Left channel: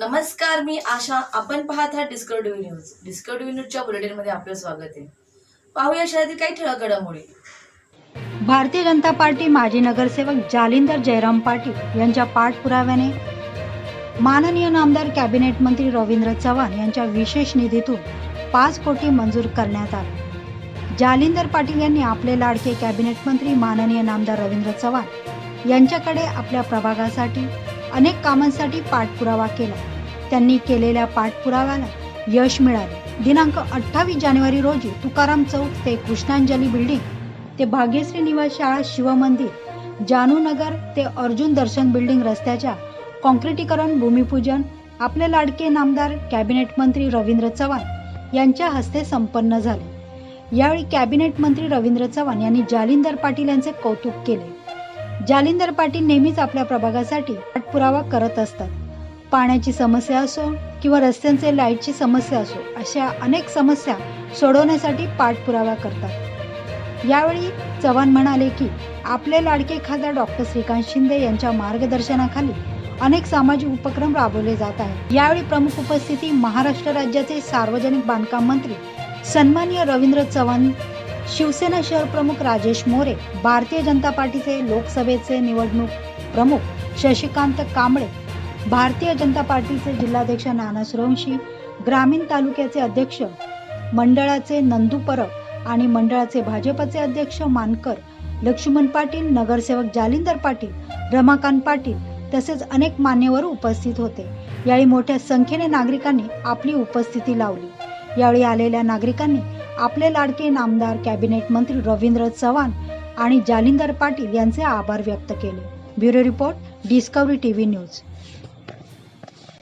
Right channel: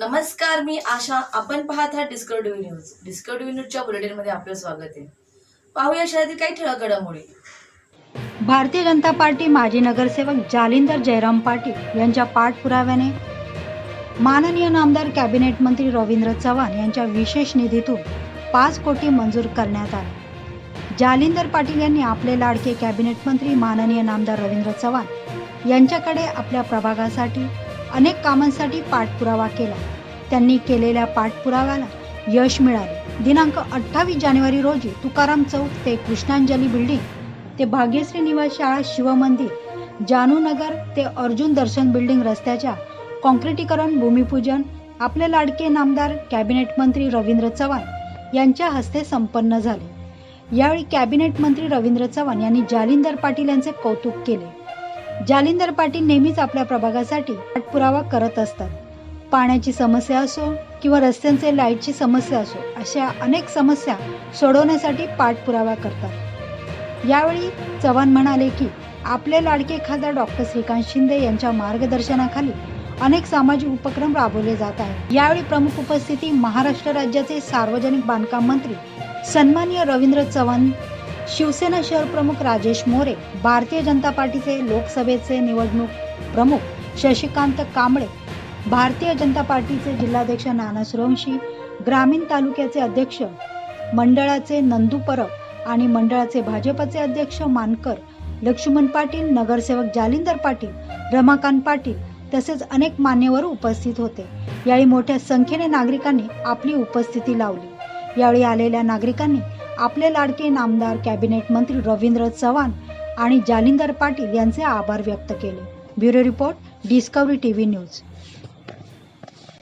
नमस्कार मी आशा. आपण पाहत आहात डिस्कवरी न्यूज डिस्कवरी न्यूजच्या बुलेटिनमध्ये आपलं स्वागत आहे. पाहूया शहरातील काही ठळक घडामोडी. भारतीय जनता पार्टी माजी नगरसेवक जालिंदर जयराम पाटील यांच्या पाठपुराव्याने माननीय नामदार कॅबिनेट मंत्री रवींद्र चव्हाण यांच्या विशेष निधीतून पाच कोटी मंजूर करण्यात आले. जालिंदर पाटील यांनी आपले लाडके कॅबिनेट मंत्री माननीय नामदार रवींद्र चव्हाण यांच्याकडे आपल्या प्रभागासाठी अनेक कामांसाठी पाठपुरावा केला. त्यांनी केलेल्या पाठपुराव्याला यश मिळाले. दिनांक अठ्ठावीस जानेवारी रोजी तुकाराम चौक ते कृष्णांजली बिल्डिंग ते भाग्यश्री निवास शाळा शिवमंदिर जानूनगर ते अर्जुन दर्शन बिल्डिंग रस्त्याच्या काँक्रिटीकरण भूमिपूजन आपले लाडके नामदार कॅबिनेट मंत्री रवींद्र चव्हाण यांच्या हस्ते संपन्न झाले. यावेळी कॅबिनेट मंत्री रवींद्र चव्हाण यांनी जालिंदर पाटील यांचे कौतुक केले. जालिंदर पाटील नेहमीच आपल्या प्रभागासाठी पाठपुरावा करत असतात. पाण्याची समस्या असो किंवा रस्त्यांचे लाईटची समस्या असो अशा अनेक समस्या सोडवण्यासाठी पाठपुरावा करतात. यावेळी चव्हाण म्हणाले की आपले लाडके खासदार डॉक्टर श्रीकांत शिंदे यांच्या मार्गदर्शनाखाली अनेक सामाजिक उपक्रम राबवले जात आहेत. यावेळी प्रमुख उपस्थिती महाराष्ट्र राज्याचे सार्वजनिक बांधकाम मंत्री सन्मान्य रवींद्र चव्हाण शिवसेना शहर प्रमुख राजेश मोरे भारतीय जनता पार्टीचे लोकसभेचे निवडणूक प्रमुख शशिकांत कांबळे भारतीय जनता पार्टीचे जिल्हाध्यक्ष नाना सुरवंशी ग्रामीण तालुक्याचे अध्यक्ष मंडळाचे नंदू परब आणि मंडळाचे भाजपचे अध्यक्ष मानकर लक्ष्मण पाटील नगरसेवक जालिंदर पाटील रमाकांत पाटील तसेच अनेक मान्यवर उपस्थित होते. यावेळी मोठ्या संख्येने नागरिकांनी आपली उपस्थिती लावली. यावेळी आलेल्या नागरिकांनी आपले लाडके नामदार कॅबिनेट मंत्री रवींद्र चव्हाण आणि जालिंदर पाटील यांचे आभार व्यक्त केले. Bureau report Discovery TV news.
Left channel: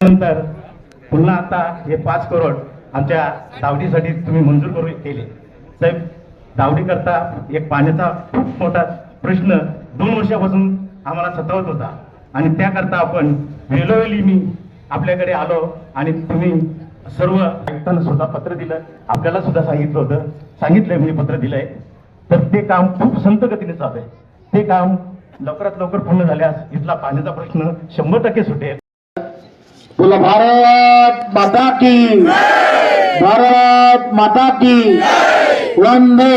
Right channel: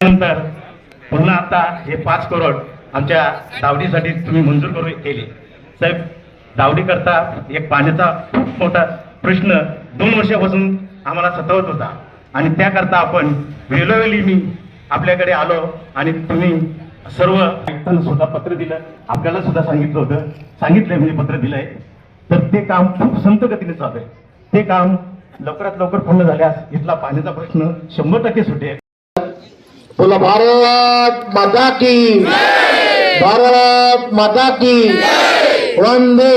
नंतर पुन्हा आता हे पाच करोड आमच्या दावडीसाठी तुम्ही मंजूर करून केले. साहेब दावडी करता एक पाण्याचा खूप मोठा प्रश्न दोन वर्षापासून आम्हाला सतावत होता. आणि त्याकरता आपण वेळोवेळी मी आपल्याकडे आलो आणि तुम्ही सर्व ऐकताना सुद्धा पत्र दिलं. आपल्याला सुद्धा सांगितलं होतं. सांगितलंय म्हणजे पत्र दिलंय. तर ते काम खूप संत गतीने चालू आहे. ते काम लवकरात लवकर पूर्ण झाल्यास इथला पाण्याचा प्रश्न शंभर टक्के सुटेल. बोला भारत माता की भारत माता की वंदे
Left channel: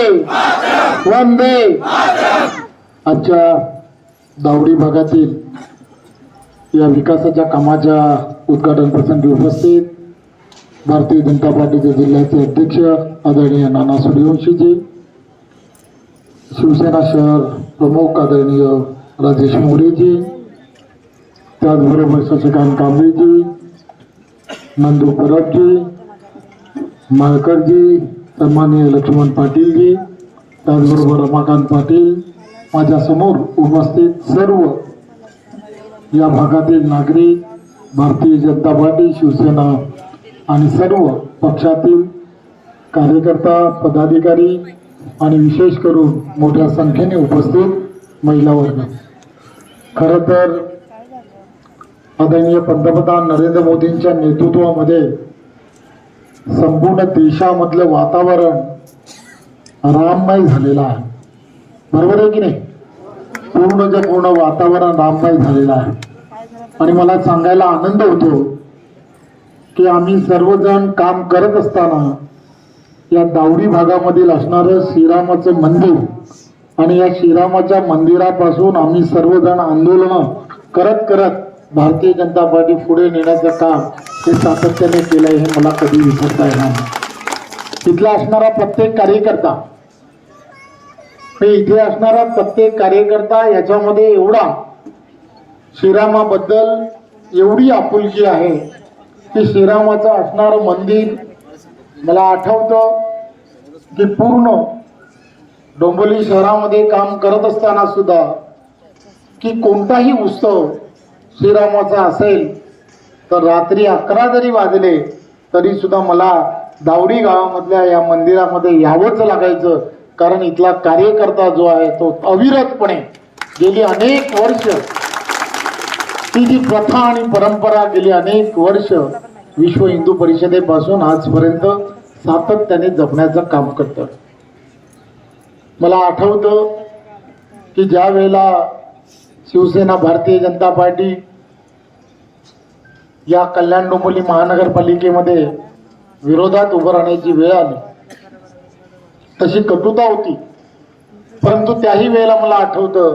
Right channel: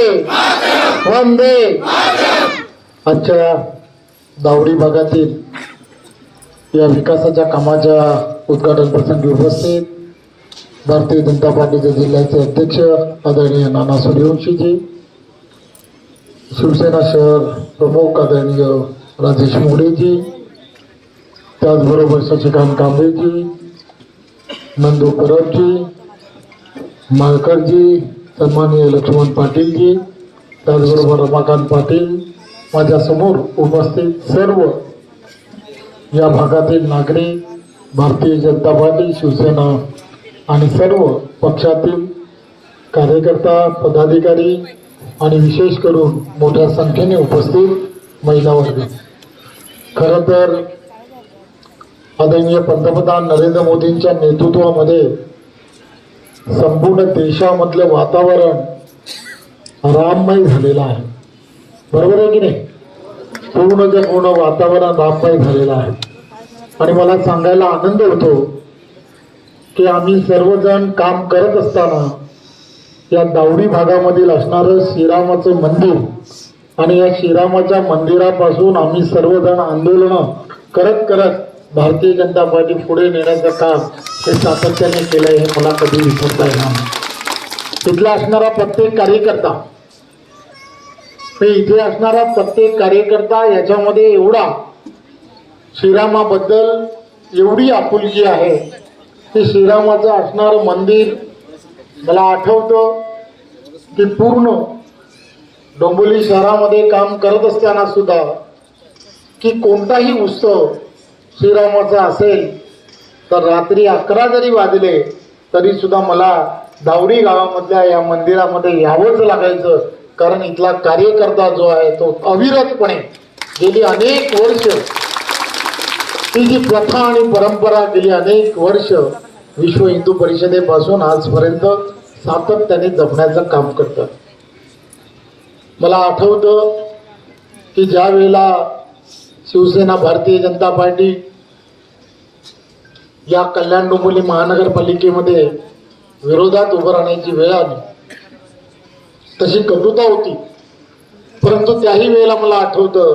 वंदे आजच्या दावडी भागातील या विकासाच्या कामाच्या उद्घाटन प्रसंगी उपस्थित भारतीय जनता पार्टीचे जिल्ह्याचे अध्यक्ष आदरणीय नाना सूर्यवंशीजी शिवसेना शहर प्रमुख आदरणीय राजेश मोरेजी त्याचबरोबर शशिकांत कांबळेजी नंदू परबजी माळकरजी सन्माननीय लक्ष्मण पाटीलजी त्याचबरोबर रमाकांत पाटील माझ्यासमोर उपस्थित सर्व या भागातील नागरिक भारतीय जनता पार्टी शिवसेना आणि सर्व पक्षातील कार्यकर्ता पदाधिकारी आणि विशेष करून मोठ्या संख्येने उपस्थित महिला वर्ग खरं तर आदरणीय पंतप्रधान नरेंद्र मोदींच्या नेतृत्वामध्ये संपूर्ण देशामधलं वातावरण राममय झालेलं आहे. बरोबर आहे की नाही? पूर्णच्या पूर्ण वातावरण राममय झालेलं आहे. आणि मला सांगायला आनंद होतो की आम्ही सर्वजण काम करत असताना या दावडी भागामधील असणारं श्रीरामाचं मंदिर आणि या श्रीरामाच्या मंदिरापासून आम्ही सर्वजण आंदोलनं करत करत भारतीय जनता पार्टी पुढे नेण्याचं काम हे सातत्याने केलंय हे मला कधी विसरता येणार नाही. इथला असणारा प्रत्येक कार्यकर्ता हे इथे असणारा प्रत्येक कार्यकर्ता याच्यामध्ये एवढा श्रीरामाबद्दल एवढी आपुलकी आहे की श्रीरामाचं असणारं मंदिर मला आठवतं की पूर्ण डोंबिवली शहरामध्ये काम करत असताना सुद्धा की कोणताही उत्सव श्रीरामाचा असेल तर रात्री अकरा जरी वाजले तरी सुद्धा मला दावरी गावामधल्या या मंदिरामध्ये यावंच लागायचं. कारण इथला कार्यकर्ता जो आहे तो अविरतपणे गेली अनेक वर्ष ती जी प्रथा आणि परंपरा गेली अनेक वर्ष विश्व हिंदू परिषदेपासून आजपर्यंत सातत्याने जपण्याचं काम करतात. मला आठवतं की ज्या वेळेला शिवसेना भारतीय जनता पार्टी या कल्याण डोंबिवली महानगरपालिकेमध्ये विरोधात उभं राहण्याची वेळ आली. तशी कटुता होती. परंतु त्याही वेळेला मला आठवतं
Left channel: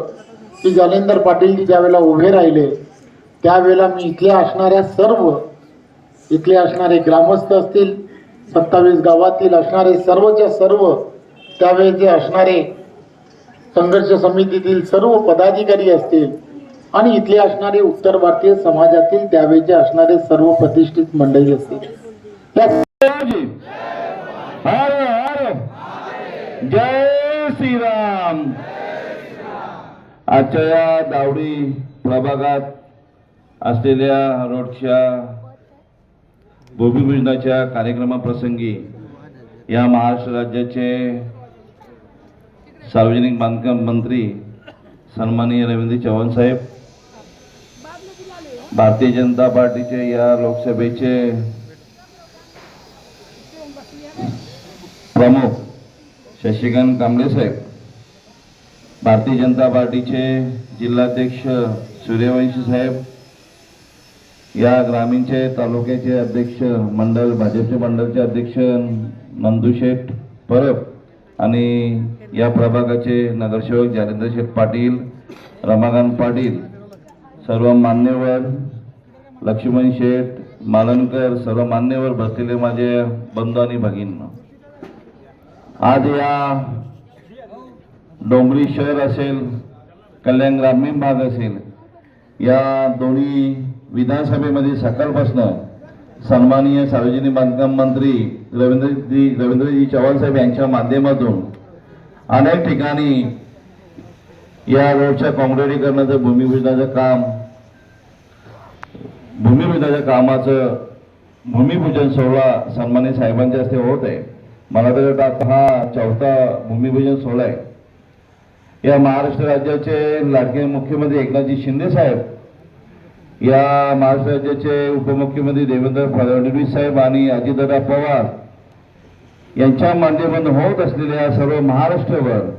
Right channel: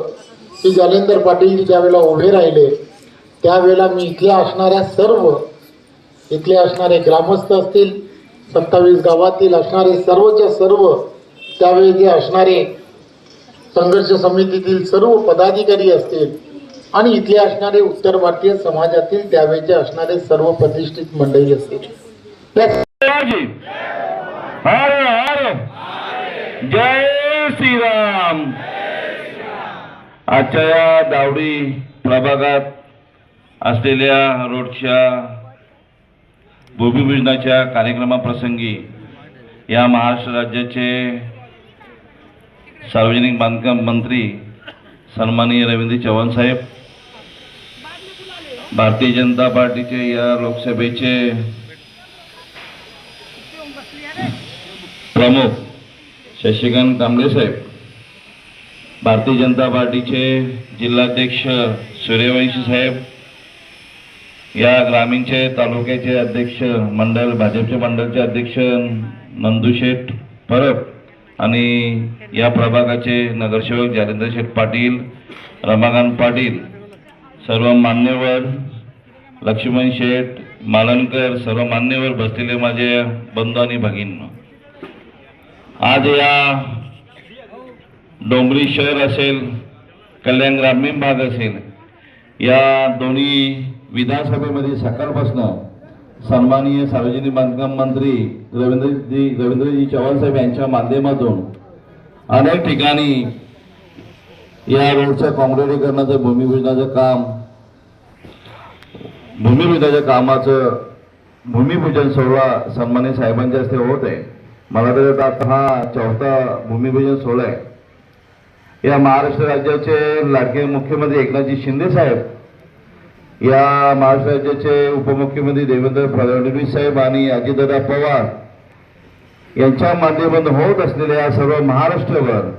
की जालेंदर पाटील ज्यावेळेला उभे राहिले त्यावेळेला मी इथल्या असणाऱ्या सर्व इथले असणारे ग्रामस्थ असतील सत्तावीस गावातील असणारे सर्वच्या सर्व त्यावेळेचे असणारे संघर्ष समितीतील सर्व पदाधिकारी असतील आणि इथले असणारे उत्तर भारतीय समाजातील त्यावेळेचे असणारे सर्व प्रतिष्ठित मंडळी असतील. जय श्रीराम. आजच्या या दावडी प्रभागात असलेल्या रोडच्या भूमिपूजनाच्या कार्यक्रमाप्रसंगी या महाराष्ट्र राज्याचे सार्वजनिक बांधकाम मंत्री सन्माननीय रवींद्र चव्हाण साहेब भारतीय जनता पार्टीचे या लोकसभेचे प्रमुख शशिकांत कांबळे साहेब भारतीय जनता पार्टीचे जिल्हाध्यक्ष सूर्यवंशी साहेब या ग्रामीणचे तालुक्याचे अध्यक्ष मंडळ भाजपचे मंडळचे अध्यक्ष नंदू शेठ परब आणि या प्रभागाचे नगरसेवक जालेंद्र शेठ पाटील रमाकांत पाटील सर्व मान्यवर लक्ष्मण शेठ मालनकर सर्व मान्यवर बसलेले माझे बंधू आणि भगिनी. आज या डोंगरी शहर असेल कल्याण ग्रामीण भाग असेल या दोन्ही विधानसभेमध्ये सकाळपासनं सन्माननीय सार्वजनिक बांधकाम मंत्री रवींद्रजी रवींद्रजी चव्हाण साहेब यांच्या माध्यमातून अनेक ठिकाणी या रोडच्या काँक्रिटीकरणाचं भूमिपूजनाचं काम भूमिपूजनाच्या कामाचं भूमिपूजन सोहळा सन्मान्य साहेबांच्या हस्ते होत आहे. मला तर आता हा चौथा भूमिपूजन सोहळा आहे. या महाराष्ट्र राज्याचे लाडके मुख्यमंत्री एकनाथजी शिंदे साहेब या महाराष्ट्र राज्याचे उपमुख्यमंत्री देवेंद्र फडणवीस साहेब आणि अजितदादा पवार यांच्या माध्यमातून होत असलेल्या सर्व महाराष्ट्रभर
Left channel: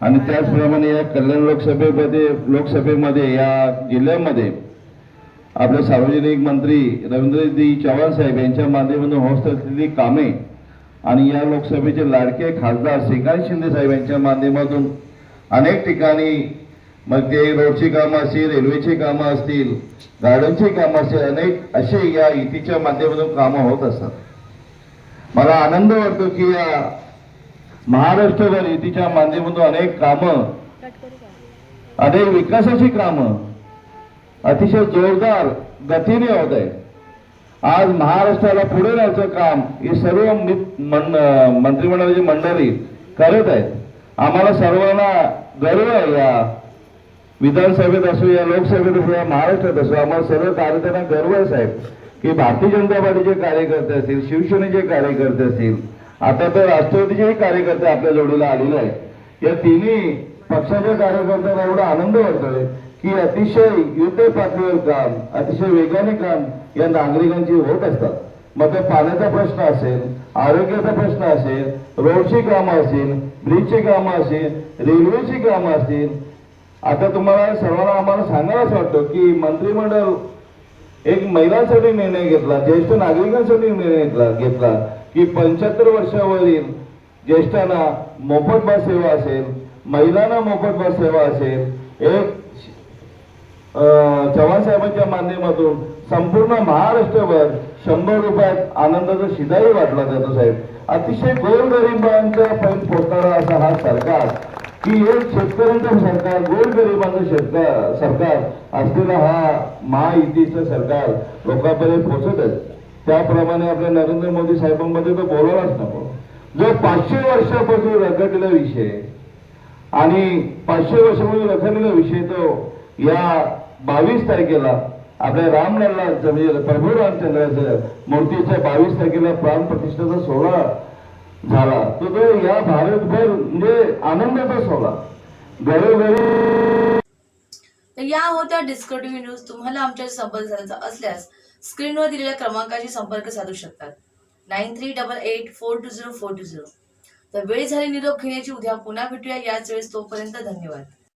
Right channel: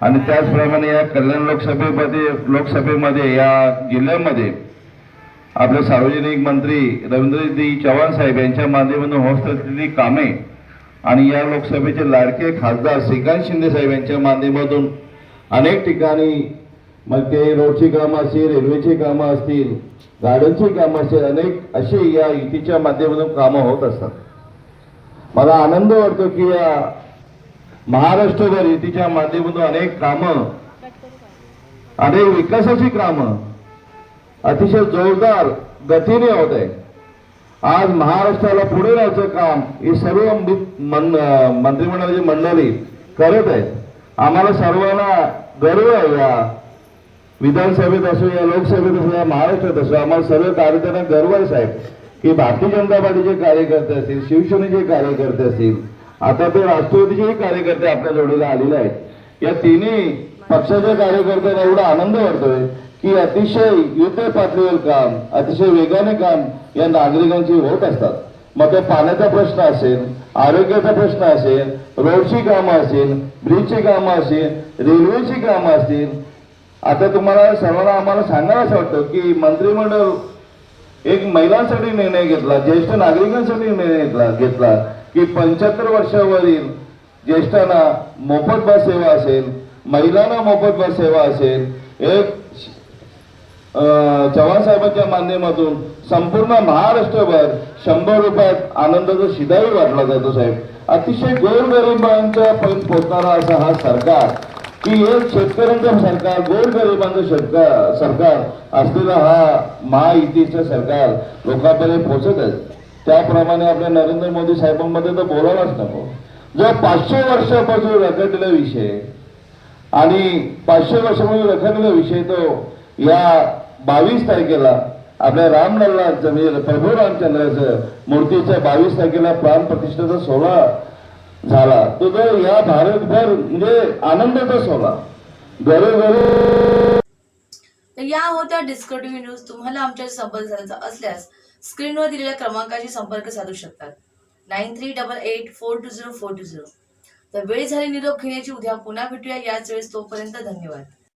आणि त्याचप्रमाणे या कल्याण लोकसभेमध्ये लोकसभेमध्ये या जिल्ह्यामध्ये आपले सार्वजनिक मंत्री रवींद्रजी चव्हाण साहेब यांच्या माध्यमातून होत असलेली कामे आणि या लोकसभेचे लाडके खासदार श्रीकांत शिंदे साहेब यांच्या माध्यमातून अनेक ठिकाणी मग ते रोडची कामं असतील रेल्वेची कामं असतील गार्डनची कामं असतील अनेक अशी या युतीच्या माध्यमातून कामं होत असतात. मला आनंद वाटतो की या महाराष्ट्रभर युतीच्या माध्यमातून अनेक कामं अनेक विकासाची कामं अतिशय जोरदार गतीने होत आहेत. आज महाराष्ट्राला पुढे राहायचं काम हे सर्व मंत्रिमंडळाची मंडळी करत आहेत. आम्हाला सर्वांना गर्व आहे या विधानसभेत असो या लोकसभेत असो या महाराष्ट्रात असो आम्हाला सर्व कार्यकर्त्यांना गर्व आहे साहेब की भारतीय जनता पार्टीचे कार्यकर्ते असतील शिवसेनेचे कार्यकर्ते असतील आता तर राष्ट्रवादीचेही कार्यकर्ते आपल्या जोडीला आलेले आहेत. या तिन्ही पक्षाच्या कार्यकर्त्यांना एवढा आनंद वाटतोय की अतिशय युद्ध पातळीवर काम अतिशय वेगाने काम या नागरिकांची होत असतात. मग ते पाण्याचा प्रश्न असेल आरोग्याचा प्रश्न असेल रोडची कामं असेल ब्रिजची कामं असेल रेल्वेची कामं असतील आता तुम्हाला सर्वांना आम्हाला सांगायला वाटतं की मंत्रिमंडळ एक महिलांसाठी निर्णय घेतला ज्येष्ठ नागरिकांसाठी निर्णय घेतला घेतला की पंच्याहत्तर वर्षावरील ज्येष्ठांना मोफत बस सेवा असेल महिलांना मोफत बस सेवा असेल एक अं, चव्हाण साहेबांच्या माध्यमातून संपूर्ण महाराष्ट्रभर शंभर रुपयात आनंदाचा शिदाही वाटला जातो साहेब. अतिशय गोरगरिबांच्या पर्यंत पोहोचणारा असा हा सरकार की एक शेतकऱ्यांचं सरकार गोरगरिबांचं शेतकरी सरकार असलेला हा महायुतीचं सरकार लोकांपर्यंत पोहोचत आहे. त्याप्रमाणे आपल्या नरेंद्र मोदी साहेबांमध्ये तर बोलायलाच नको. जो पाचशे वर्षापासून रखडलेला विषय आणि पाचशे वर्षामध्ये रखडलेला विषय तो या बावीस तारखेला आपल्या रामलल्लाचं म्हणजे प्रभू रामचंद्राचं मूर्तीच्या बावीस तारखेला प्राण प्रतिष्ठेचा सोहळा झाला. तो तो या भारतभर म्हणजे आनंदाचा सोहळा. घरोघरी तर या होत्या डिस्कटिव्ह न्यूज तुम्हाला आमच्या संपर्क साधायचा असल्यास स्क्रीनवर दिलेल्या क्रमांकाशी संपर्क साधू शकतात. Nine three double eight four two zero four two zero तर वेळ झाली निरोप घेण्याची उद्या पुन्हा भेटूया. याच वेळेस तोपर्यंत धन्यवाद.